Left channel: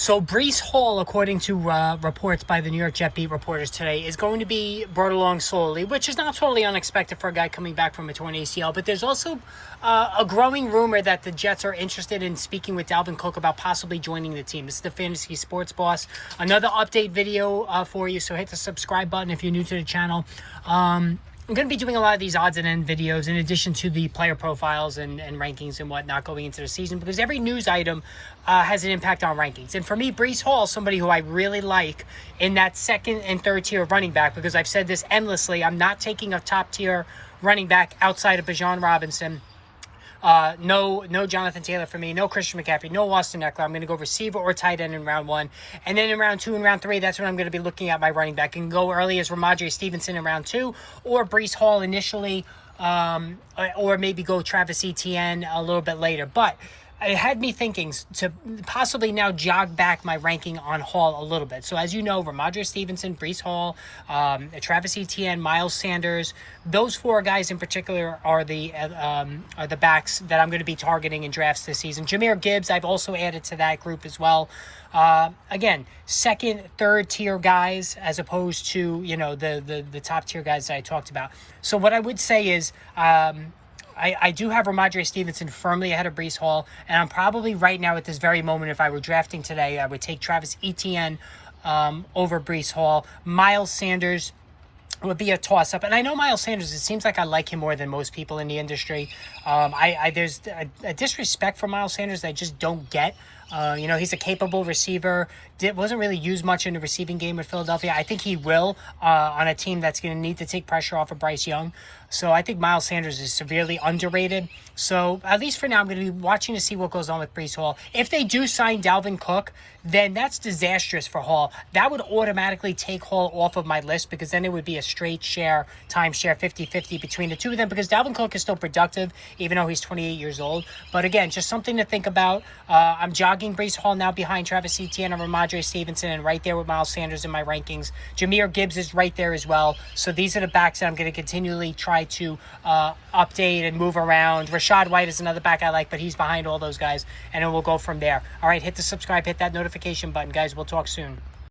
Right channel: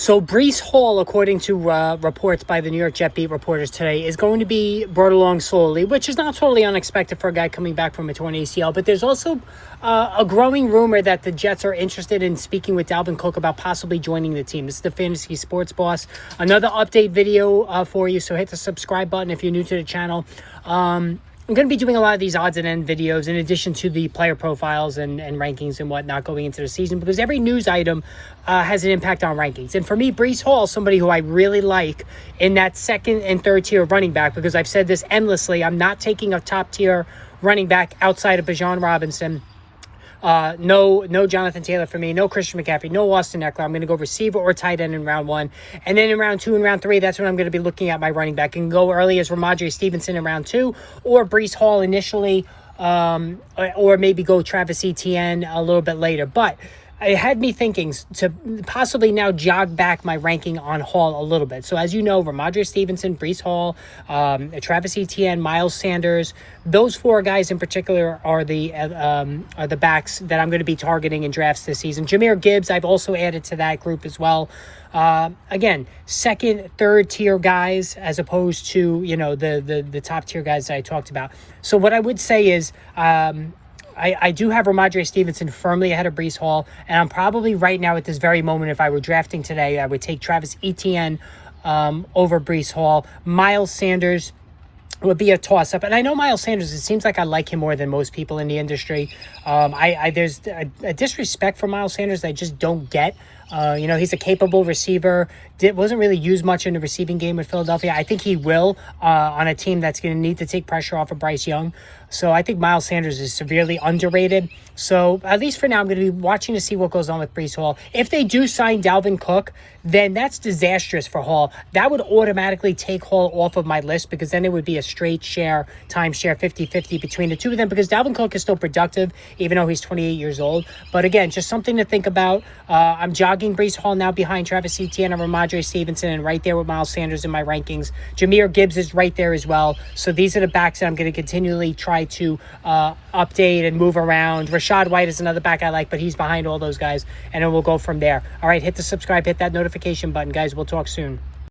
So Breece Hall, according to reports by the New York Jet beat reporters today, is going to be brought along slowly, which is not totally unexpected for a guy coming back from a torn ACL. But there's also a growing rumor that the Jets are interested in speaking with Dalvin Cook about possibly joining the team. This is the Fantasy Sports Boss. Another update video for you, so hit the subscribe button if you're new to the channel. I'm going to be doing a lot of these odds and end videos in addition to the player profiles and rankings and whatnot going into the season, because every news item has an impact on rankings. And for me, Breece Hall, somebody who I really like in that second and third tier running back, because I've said this endlessly, I'm not taking a top tier running back outside of Bijan Robinson. No Jonathan Taylor for me, no Christian McCaffrey, no Austin Eckler. I'm going to go receiver or tight end in round 1. And then in round 2 and round 3, that's when I'm going to be looking at my running back. And go early as Ramondre Stevenson in round 2, or Breece Hall initially, or maybe go Travis Etienne a little bit later. But it had me thinking to possibly now jog back my ranking on Hall a little bit. So as you know, Ramondre Stevenson, Breece Hall, Travis Etienne, Miles Sanders, those 4 guys in particular are the backs that I'm going to be targeting in drafts this season. Jahmyr Gibbs, I've also added to that group as well. Again, second, third tier guys as opposed to, you know, the top tier guys that I talked about. So what I would say is, I do have Ramondre Stevenson firmly ahead of Breece Hall, and I'm probably right now at this very moment, if I were drafting today, I would take Travis Etienne over Breece Hall. Miles Sanders would be a toss-up. And I know Miles Sanders, it seems like I like him more than most people in the industry. There's a disrespect for Miles Sanders that I just don't get. You know, he's a capable receiver. Wasn't really used much in the receiving game with Philadelphia. I think he will on a team that's going to need to take pressure off of Bryce Young. So I think Miles Sanders is severely underrated. So at least for now, I'm going to be watching to see what goes on with Breece Hall. If they do sign Dalvin Cook, then that's disastrous for Hall. That would automatically take Hall off of my list, because then it would be a straight share, timeshare 50-50 between the two of them, because Dalvin Cook is still productive, even though he's 28 years old. But again, just something to think about. I'm jogging Breece Hall now behind Travis Etienne and Ramondre Stevenson, and right there with Miles Sanders in my rankings. Jahmyr Gibbs is right there as well. So these are the backs that I'm going to continually try to update and move around. Rashad White is another back I like, but he's behind all those guys, and then we'll go from there. All right, hit the subscribe, hit that notification button, guys. We'll talk soon.